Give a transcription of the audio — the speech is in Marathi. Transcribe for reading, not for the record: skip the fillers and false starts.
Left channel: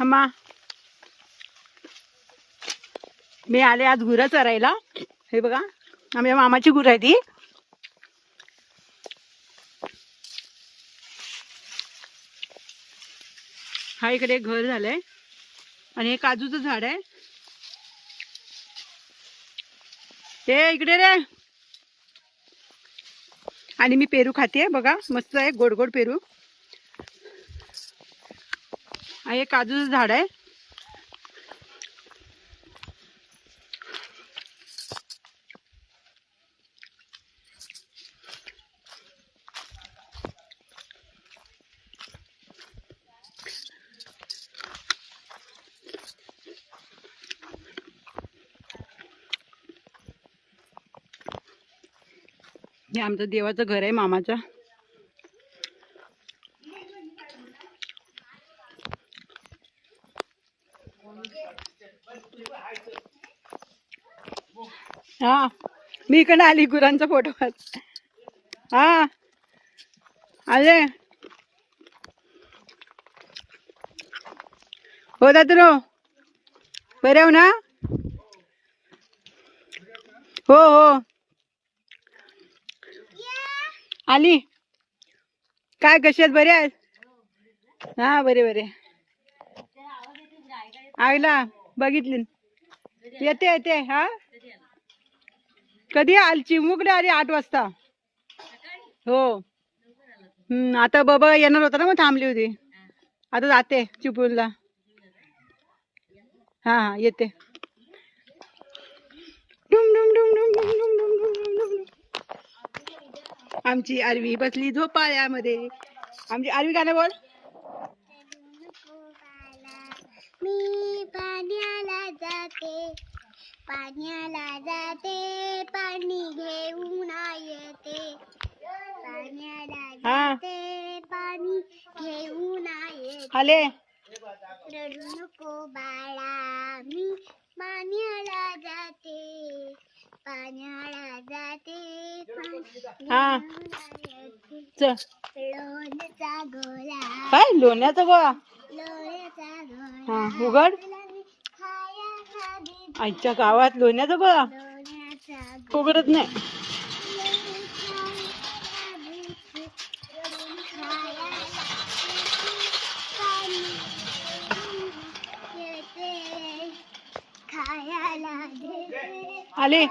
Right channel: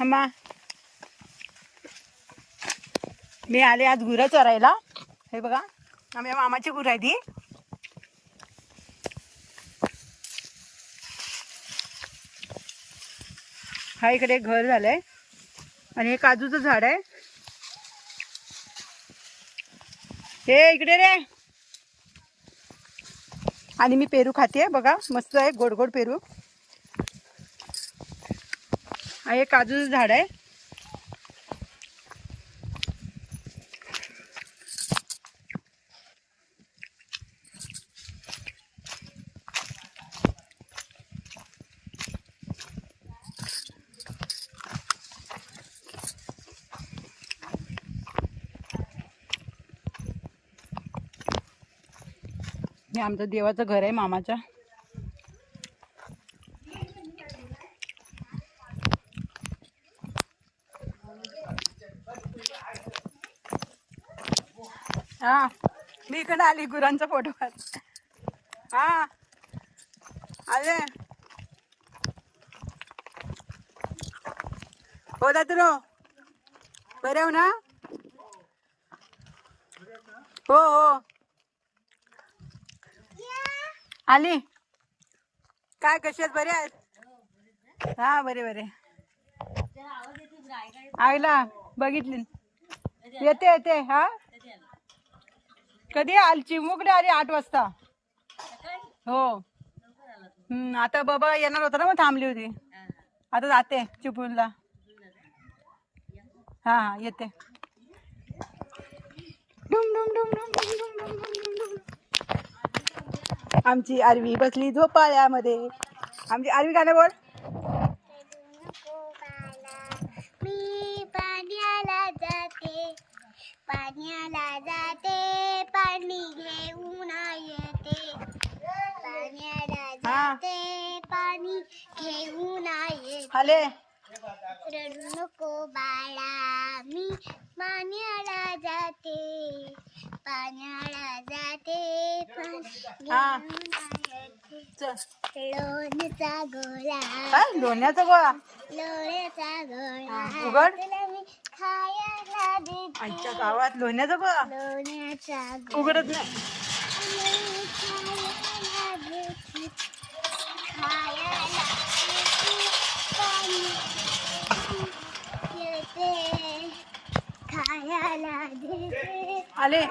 हम्मा मी आले आज गुरं चरायला. हे बघा आमच्या मामाची गुरं आहे ती. हा इकडे एक घर झालंय आणि हे काजूचं झाड आहे. हे इकडे रे. आणि मी पेरू खाते बघा, मस्त आहे गोड गोड पेरू. हे काजूचं झाड आहे. हे आमचं देवाचं घर आहे मामाचं. हा मी इकडे आली गुरांचा फोटो काढ. हा आले हो दादरो बरे हो ना. हो हो आली. काय कशी आहेत, बरे आहेत. हा बरे बरे. आईला बघितली येते येते. हा कधी आली चिमुकडे आली 8 वाजता. हो आता बाबा येणार होता ना मग थांबली होती. आता जाते चिपळूणला. हा हा येते. डुम डुम डुम डुम डुम डुम डुम डुम डुम डुम. आमची आरवी बसली झोपाळ्यामध्ये. आमची आरवी गाणं बोल. मी पाण्याला जाते, पाण्याला जाते, पाणी घेऊन येते. पाण्याला जाते, पाणी घेऊन येते. आले रडू नको बाळा, मी पाण्याला जाते, पाण्याला जाते, पाणी घेऊन येते. लोण्याचा गोळा. काय लोण्याचा गोळा. लोण्याचा गोळा उघड. तुला मी खायला देते. आईच्या गावात लोण्याचा गोळा. लोण्याचा उघडत नाही. खायला देते, खायला देते, खायला देते. आले